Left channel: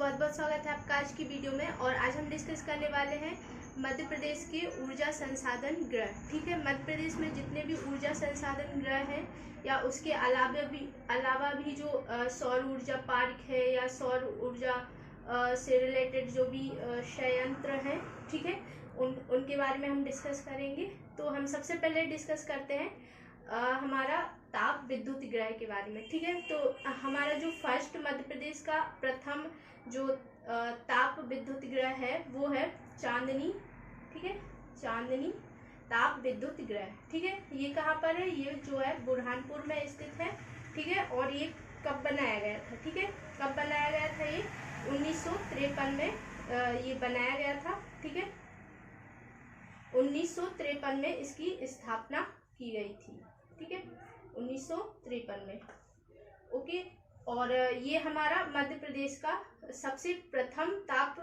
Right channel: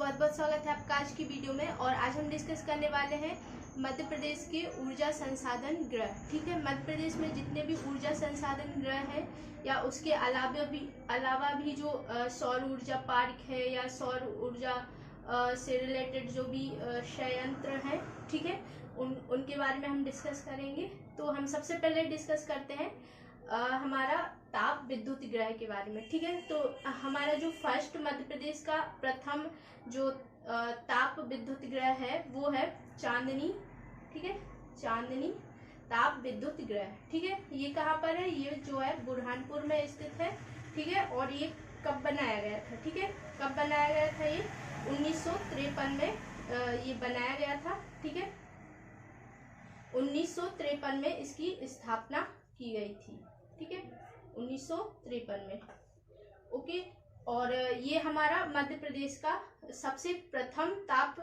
बहुत बहुत स्वागत है आपका आज की वीडियो में। और आज हम डिस्कस करने वाले हैं मध्य प्रदेश के ऊर्जा संसाधन ग्रह। ठीक है, मध्य प्रदेश में जितने भी ऊर्जा संसाधन ग्रह हैं या उसके अलावा भी जो सौर ऊर्जा पार्क है या सौर ऊर्जा से रिलेटेड जो भी संयंत्र हैं, ठीक है, उनके बारे में हम डिस्कस करेंगे। तो हम सबसे पहले डिस्कस करते हैं हमारा ताप विद्युत ग्रह के बारे में। ठीक है, तो हमारा जो फर्स्ट मध्य प्रदेश का प्रथम जो ताप विद्युत ग्रह है वो है चांदनी। ठीक है, चांदनी ताप विद्युत ग्रह। ठीक है, ये कहाँ पर है? ये जो है बुरहानपुर में स्थित है। ठीक है, और ये कब बनाया गया था? ठीक है, कब बनाया गया था? ये 1953 में ये बनाया गया था। ठीक है, 1953 में इसकी स्थापना की गई थी। ठीक है, 1953 में। ओके, और ये हमारा मध्य प्रदेश का सबसे प्रथम ताप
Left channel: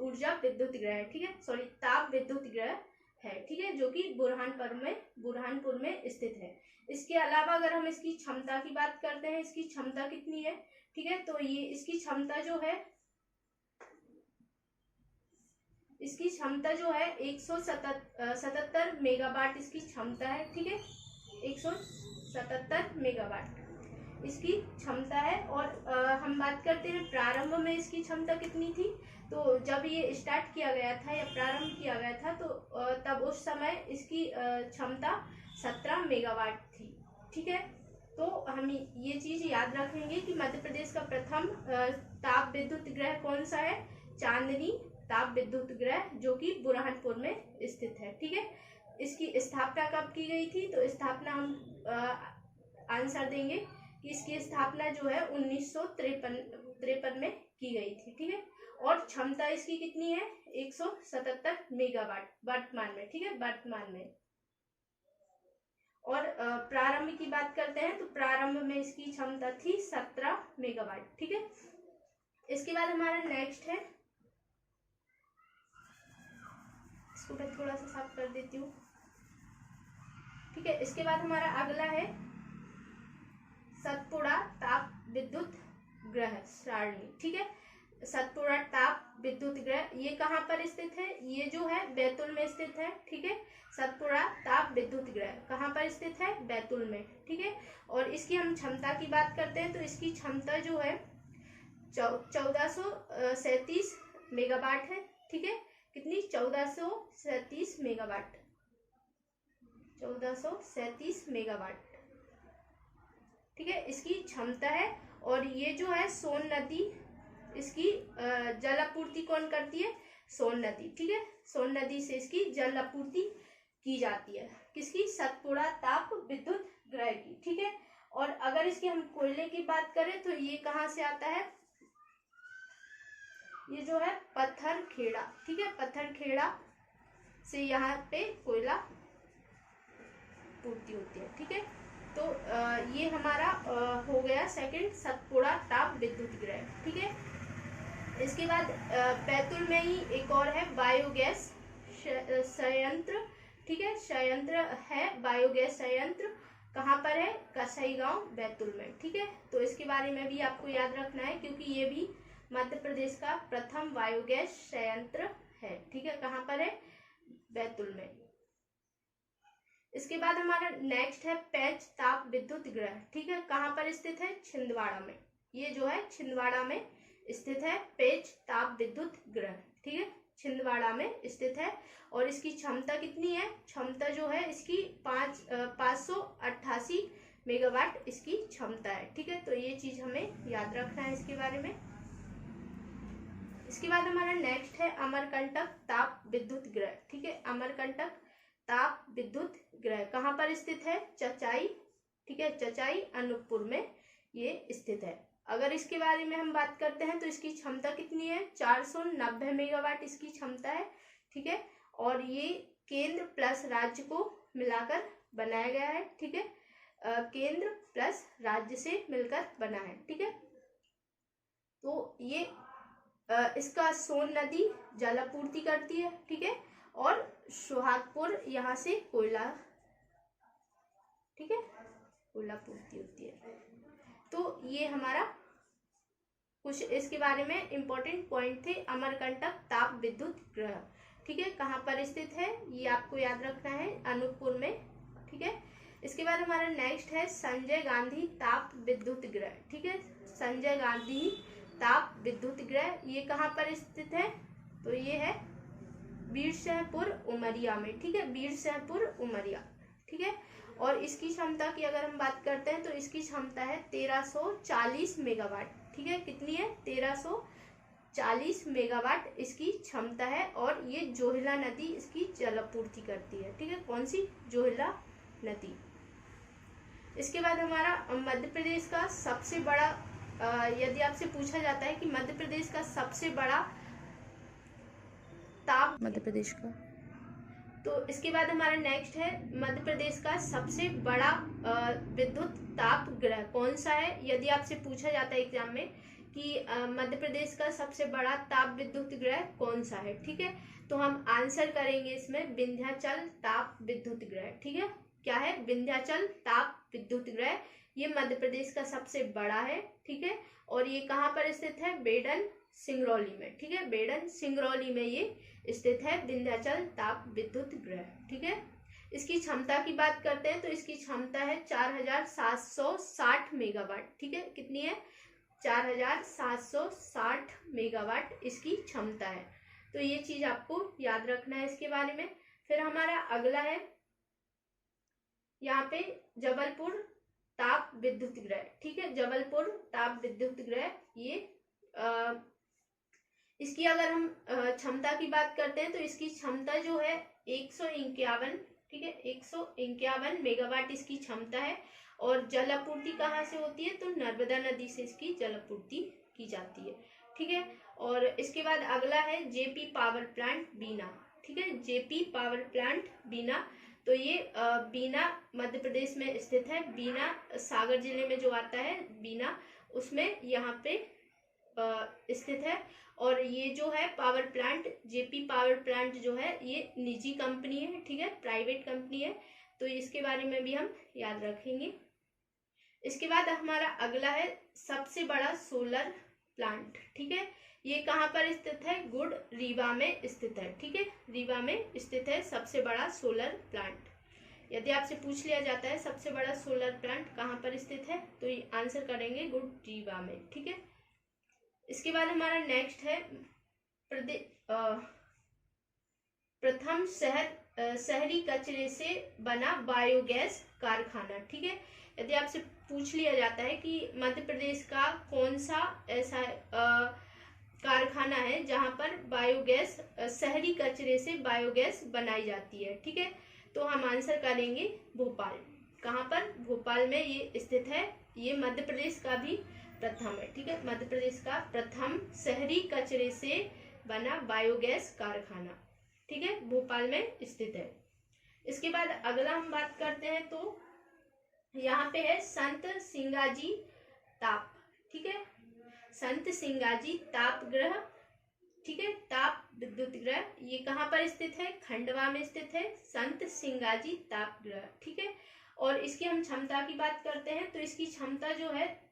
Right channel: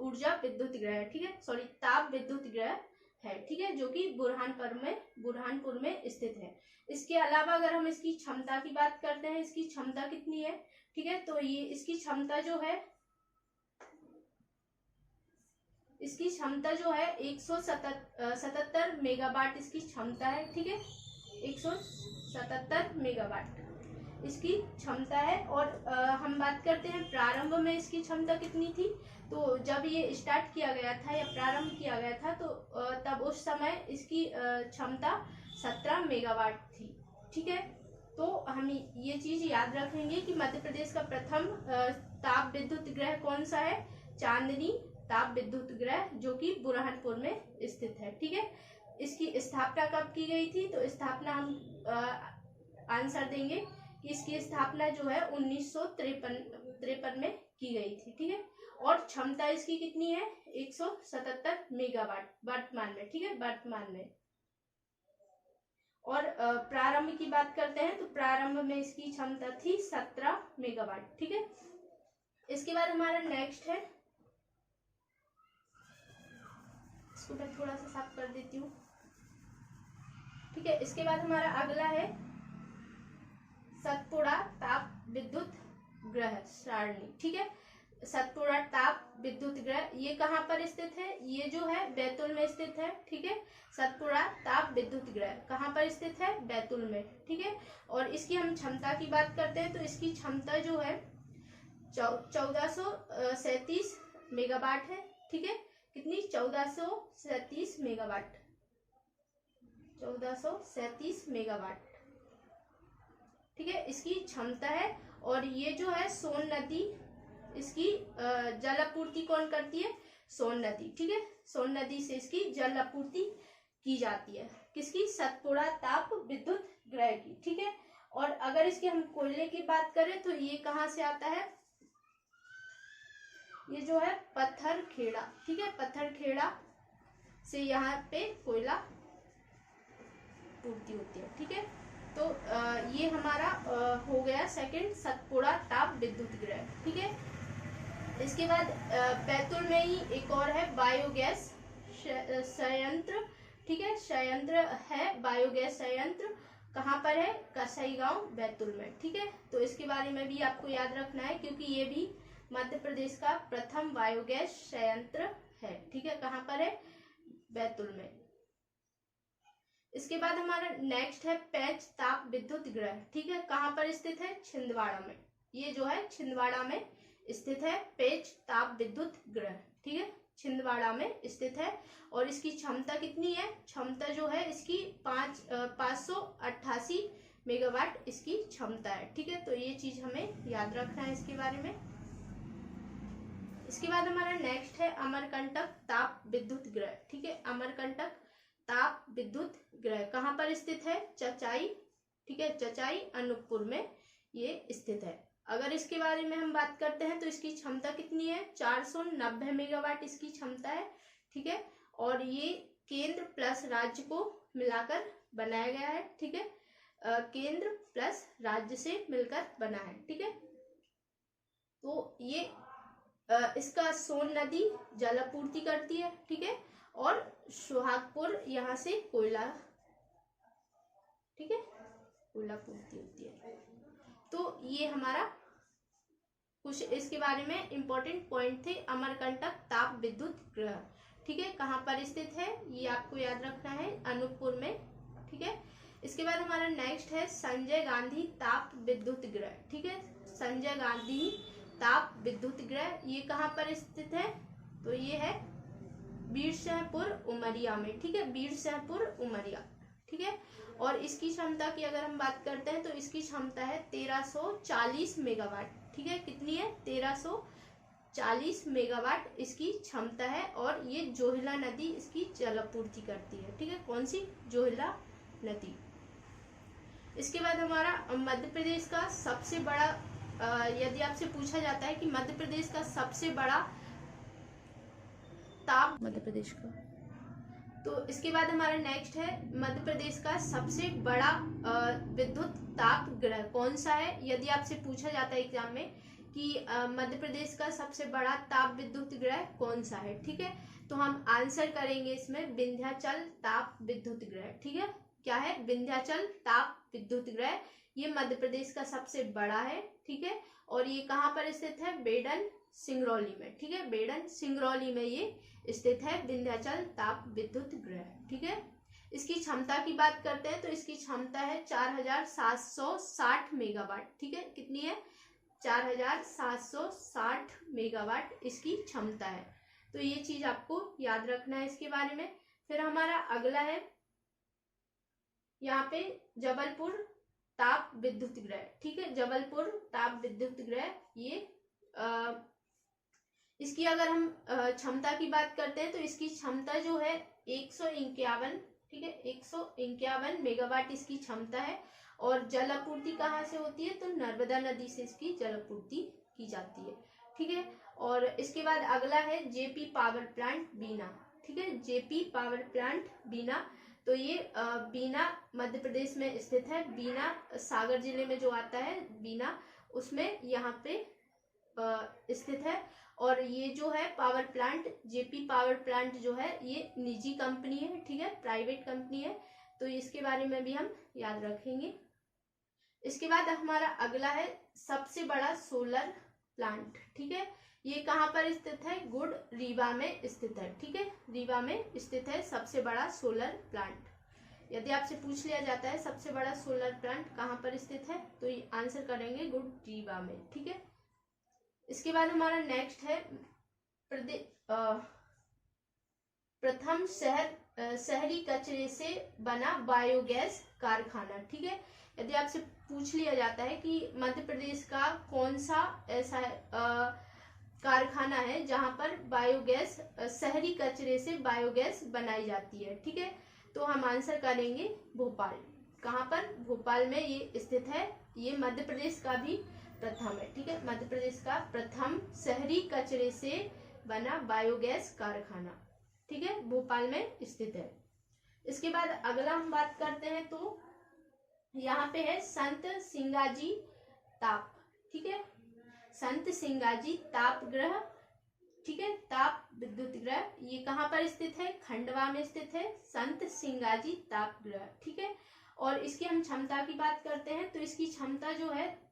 ऊर्जा विद्युत ग्रह है। ठीक है, सॉरी, ताप विद्युत ग्रह है। ठीक है, जो कि बुरहानपुर में स्थित है। इसके अलावा अगर हम इसकी क्षमता की बात करते हैं, इसकी क्षमता कितनी है? ठीक है, तो ये इसकी क्षमता जो है 177 मेगावाट इसकी क्षमता है। ठीक है, 177 मेगावाट इसकी क्षमता है। और हम बात करते हैं प्रारंभ में इसकी क्षमता कितनी थी। तो जब ये स्टार्ट किया गया था या प्रारंभ किया गया था तो तब उस समय इसकी क्षमता 17 मेगावाट थी। ठीक है, तो हम ये चीज याद रखेंगे कि मध्य प्रदेश का प्रथम ताप विद्युत ग्रह कौन सा है? चांदनी ताप विद्युत ग्रह, जो कि बुरहानपुर में स्थित है। ठीक है, इसकी स्थापना कब की गई थी? तो स्थापना हम आंसर देंगे कि इसकी स्थापना जो है 1953 में की गई थी। ठीक है, और क्षमता इसकी कितनी है? 177 मेगावाट वर्तमान में। ठीक है, वर्तमान में। और प्रारंभ की बात करते हैं तो प्रारंभ में इसकी क्षमता थी 17 मेगावाट। ठीक है, इसके बाद हमारा नेक्स्ट है, इसको मैं थोड़ा सा साफ कर देती हूँ। ठीक है, इसके बाद हमारा अगला है सतपुड़ा ताप विद्युत ग्रह सारणी। ठीक है, सतपुड़ा ताप विद्युत ग्रह ये कहाँ पर स्थित है? ये जो है बैतूल में स्थित है। ठीक है, सतपुड़ा ताप विद्युत ग्रह कहाँ पर स्थित है? बैतूल में। ठीक है, और इसकी हम क्षमता की बात करते हैं तो इसकी क्षमता जो है 1437 मेगावाट है। ठीक है, कितनी? 1437 मेगावाट, 1437 मेगावाट। ठीक है, इसकी क्षमता है। और ये जो है सोन नदी, इसकी जल आपूर्ति कौन करती है? सोन नदी। ठीक है, सोन नदी से इसकी जल आपूर्ति की जाती है। किसकी? सतपुड़ा ताप विद्युत ग्रह की। ठीक है, और अगर इसके हम कोयले की बात करें तो ये कहाँ से आता है? ये जो है पत्थरखेड़ा। ठीक है, पत्थरखेड़ा से यहाँ पे कोयला पूर्ति होती है। ठीक है, तो ये हमारा हो गया सेकंड सतपुड़ा ताप विद्युत ग्रह। ठीक है, इसके बाद बैतूल में ही एक और है बायोगैस संयंत्र। ठीक है, संयंत्र है बायोगैस संयंत्र। कहाँ पर है? कसईगांव, बैतूल में। ठीक है, तो इसके बारे में भी आपको याद रखना है क्योंकि ये भी मध्य प्रदेश का प्रथम बायोगैस संयंत्र है। ठीक है, कहाँ पर है? बैतूल में। इसके बाद हमारा नेक्स्ट है पेंच ताप विद्युत ग्रह। ठीक है, कहाँ पर स्थित है? छिंदवाड़ा में। ये जो है छिंदवाड़ा में स्थित है पेंच ताप विद्युत ग्रह। ठीक है, छिंदवाड़ा में स्थित है। और इसकी क्षमता कितनी है? क्षमता जो है इसकी 588 मेगावाट इसकी क्षमता है। ठीक है, तो ये चीज हमें याद रखना है इसके बारे में। इसके बाद हमारा नेक्स्ट है अमरकंटक ताप विद्युत ग्रह। ठीक है, अमरकंटक ताप विद्युत ग्रह कहाँ पर स्थित है? चचाई। ठीक है, चचाई अनूपपुर में ये स्थित है। अगर इसके बारे में हम बात करते हैं तो इसकी क्षमता कितनी है? 490 मेगावाट इसकी क्षमता है। ठीक है, और ये केंद्र प्लस राज्य को मिलाकर बनाया गया है। ठीक है, केंद्र प्लस राज्य से मिलकर बना है। ठीक है, तो ये इसका सोन नदी जल आपूर्ति करती है। ठीक है, और सुहागपुर यहाँ से कोयला, ठीक है, कोयला पूर्ति होती है। तो ये हमारा कुछ इसके बारे में इम्पोर्टेंट पॉइंट थे। अमरकंटक ताप विद्युत ग्रह, ठीक है, कहाँ पर स्थित है ये आपको याद रखना है, अनूपपुर में, ठीक है। इसके बाद हमारा नेक्स्ट है संजय गांधी ताप विद्युत ग्रह, ठीक है, संजय गांधी ताप विद्युत ग्रह, ये कहाँ पर स्थित है, तो ये है बीरसिंहपुर उमरिया में, ठीक है, बीरसिंहपुर उमरिया, ठीक है। और इसकी क्षमता की अगर हम बात करते हैं तो इसकी क्षमता है 1340 मेगावाट, ठीक है, कितनी है, 1340 मेगावाट इसकी क्षमता है। और ये जोहिला नदी इसकी जलापूर्ति करती है, ठीक है, कौन सी, जोहिला नदी। इसके बाद हमारा मध्य प्रदेश का सबसे बड़ा, यदि आपसे पूछा जाता है कि मध्य प्रदेश का सबसे बड़ा ताप, मध्य प्रदेश का, तो इसके बाद हमारा नेक्स्ट है मध्य प्रदेश का सबसे बड़ा विद्युत ताप ग्रह कौन सा है। यदि आपसे पूछा जाता है एग्जाम में कि मध्य प्रदेश का सबसे बड़ा ताप विद्युत ग्रह कौन सा है, ठीक है, तो हम आंसर करेंगे इसमें विंध्याचल ताप विद्युत ग्रह, ठीक है, क्या है, विंध्याचल ताप विद्युत ग्रह, ये मध्य प्रदेश का सबसे बड़ा है, ठीक है। और ये कहाँ पर स्थित है, बेडन सिंगरौली में, ठीक है, बेडन सिंगरौली में ये स्थित है विंध्याचल ताप विद्युत ग्रह, ठीक है। इसकी क्षमता की बात करते हैं तो इसकी क्षमता है 4760 मेगावाट, ठीक है, कितनी है, 4760 मेगावाट इसकी क्षमता है। तो ये चीज आपको याद रखना है इसके बारे में। फिर हमारा अगला है यहाँ पे जबलपुर ताप विद्युत ग्रह, ठीक है, जबलपुर ताप विद्युत ग्रह, ये इसकी अगर हम क्षमता की बात करते हैं तो इसकी क्षमता जो है 151, ठीक है, 151 मेगावाट इसकी क्षमता है। और जल आपूर्ति कहाँ से होती है, तो नर्मदा नदी से इसकी जल आपूर्ति की जाती है, ठीक है। और इसके बाद अगला है जेपी पावर प्लांट बीना, ठीक है, जेपी पावर प्लांट बीना, तो ये बीना मध्य प्रदेश में स्थित है, बीना सागर जिले में जो आता है बीना, उसमें यहाँ पे स्थित है। और ये जो है power plant, JP power plant जो है ये निजी कंपनी है, ठीक है, प्राइवेट कंपनी है, तो इसके बारे में भी हम याद रखेंगे। इसके बाद हमारा अगला है सबसे बड़ा सोलर प्लांट, ठीक है, ये कहाँ पर स्थित है, गुड रीवा में स्थित है, ठीक है, रीवा में स्थित है सबसे बड़ा सोलर प्लांट। यदि आपसे पूछ लिया जाता है सबसे बड़ा सोलर प्लांट कहाँ पर स्थित है, तो ये आंसर करेंगे गुड रीवा में, ठीक है। इसके बाद हमारा नेक्स्ट है प्रथम शहरी कचरे से बना बायोगैस कारखाना, ठीक है। यदि आपसे पूछ लिया जाता है कि मध्य प्रदेश का कौन सा ऐसा कारखाना है जहां पर बायोगैस, शहरी कचरे से बायोगैस बनाई जाती है, ठीक है, तो हम आंसर करेंगे भोपाल। कहाँ पर, भोपाल में ये स्थित है, ये मध्य प्रदेश का भी प्रथम है, ठीक है, मध्य प्रदेश का प्रथम शहरी कचरे से बना बायोगैस कारखाना, ठीक है, भोपाल में स्थित है। इसके बाद अगला हम बात करते हैं तो यहाँ पे है संत सिंगाजी ताप, ठीक है, संत सिंगाजी ताप ग्रह, ठीक है, ताप विद्युत ग्रह, ये कहाँ पर स्थित है, खंडवा में स्थित है संत सिंगाजी ताप ग्रह, ठीक है। और इसकी हम क्षमता की बात करते हैं तो इसकी क्षमता जो है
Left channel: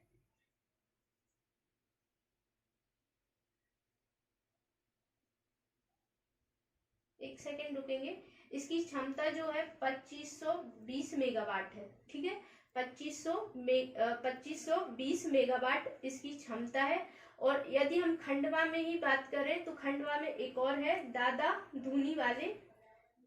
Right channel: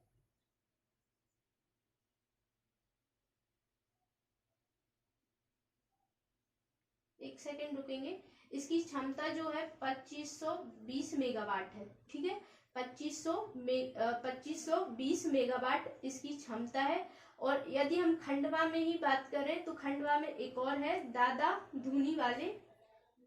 एक सेकेंड रुकेंगे, इसकी क्षमता जो है 2520 मेगावाट है, ठीक है, 2520 मेगावाट इसकी क्षमता है। और यदि हम खंडवा में ही बात करें तो खंडवा में एक और है दादा धूनी वाले,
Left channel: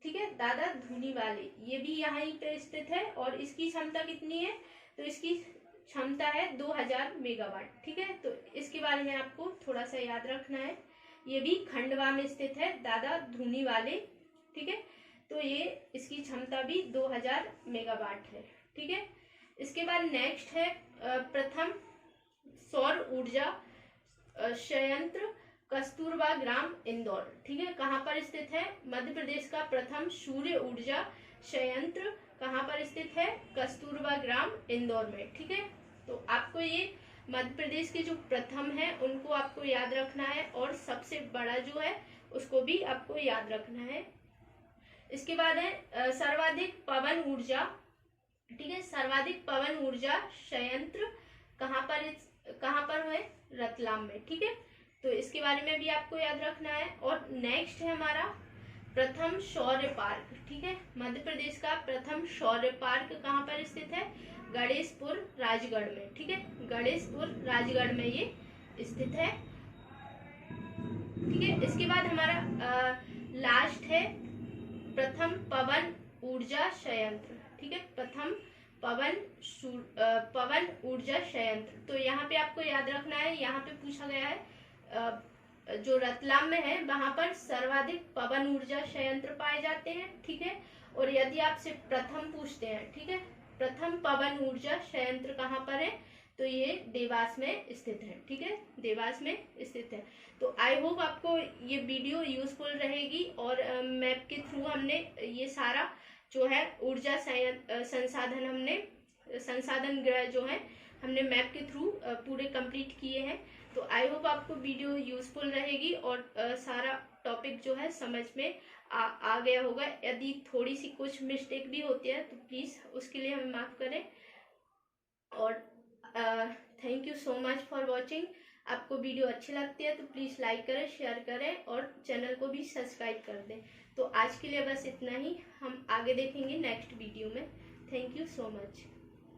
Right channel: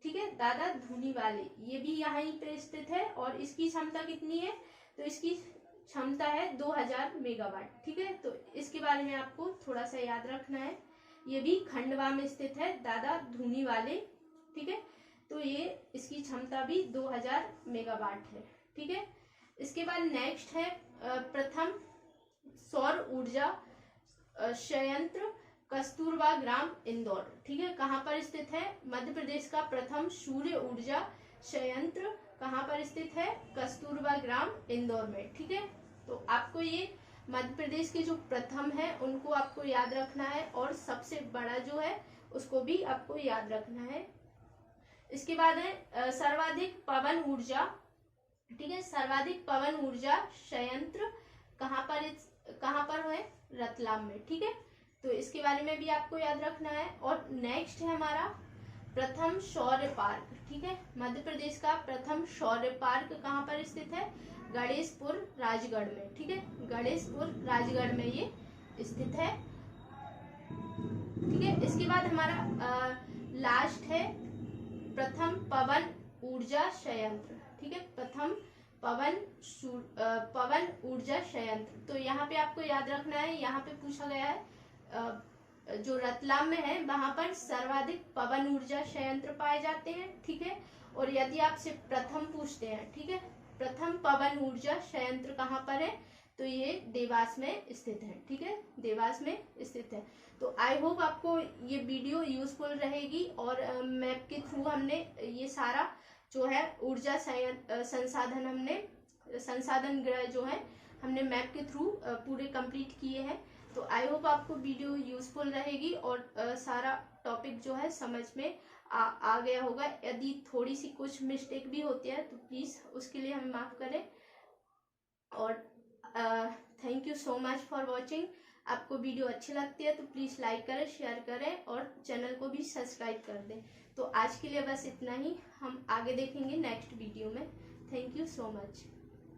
ठीक है, दादा धूनी वाले, ये भी यहाँ पे स्थित है। और इसकी क्षमता कितनी है, तो इसकी क्षमता है 2000 मेगावाट, ठीक है, तो इसके बारे में आपको थोड़ा सा याद रखना है, ये भी खंडवा में स्थित है दादा धूनी वाले, ठीक है, तो ये इसकी क्षमता भी 2000 मेगावाट है, ठीक है। इसके बाद नेक्स्ट है प्रथम सौर ऊर्जा संयंत्र कस्तूरबा ग्राम इंदौर, ठीक है, कहाँ पर स्थित है, मध्य प्रदेश का प्रथम सूर्य ऊर्जा संयंत्र कहाँ पर स्थित है, कस्तूरबा ग्राम इंदौर में, ठीक है। तो आपको ये मध्य प्रदेश के जो प्रथम है उनको आपको याद रखना है और सबसे बड़ा जो है उसको भी आपको याद रखना है। इसके बाद है सर्वाधिक पवन ऊर्जा, ठीक है, सर्वाधिक पवन ऊर्जा संयंत्र कहाँ पर कहाँ पर है, रतलाम में। ठीक है, तो इसके बारे में भी आपको याद रखना है। और नेक्स्ट है हमारा प्रथम शौर्य पार्क। ठीक है, मध्य प्रदेश का प्रथम शौर्य पार्क कहाँ पर स्थित है, गणेशपुर राजगढ़ में। ठीक है, गणेशपुर राजगढ़ में ये स्थित है। ठीक है, इसके बाद हमारा लास्ट है प्रथम पवन ऊर्जा संयंत्र। ठीक है, प्रथम पवन ऊर्जा संयंत्र। तो यहाँ पे आपको याद रखना है, यहाँ पे पूछा गया है जो रतलाम में है वहां पर सर्वाधिक पवन ऊर्जा संयंत्र पाए जाते हैं। ठीक है, और यदि आपसे प्रथम पूछते हैं, ठीक है, प्रथम पवन ऊर्जा संयंत्र कहाँ पर है, तो ये देवास में स्थित है। ठीक है, देवास में स्थित है। तो आई होप आपको ये वीडियो यूजफुल रहेगी, और मैप के थ्रू हमने ये सारा जो है ऊर्जा संसाधन हमने संसाधन ग्रह जो है हमने मैप के थ्रू पूरे कंप्लीट किए हैं। तो आई होप आपको वीडियो यूजफुल रहेगी और सारा टॉपिक जो है समझ में आ गया होगा। यदि थोड़ी सी कुछ मिस्टेक भी होती है तो प्लीज़ उसके लिए हमें माफ़ करें। और thank you so much for watching. आपको वीडियो अच्छी लगती है तो प्लीज़ लाइक करें, शेयर करें और चैनल को भी सब्सक्राइब कर दें। तो आज के लिए बस इतना ही, हम आगे देखेंगे नेक्स्ट वीडियो में। Thank you so much.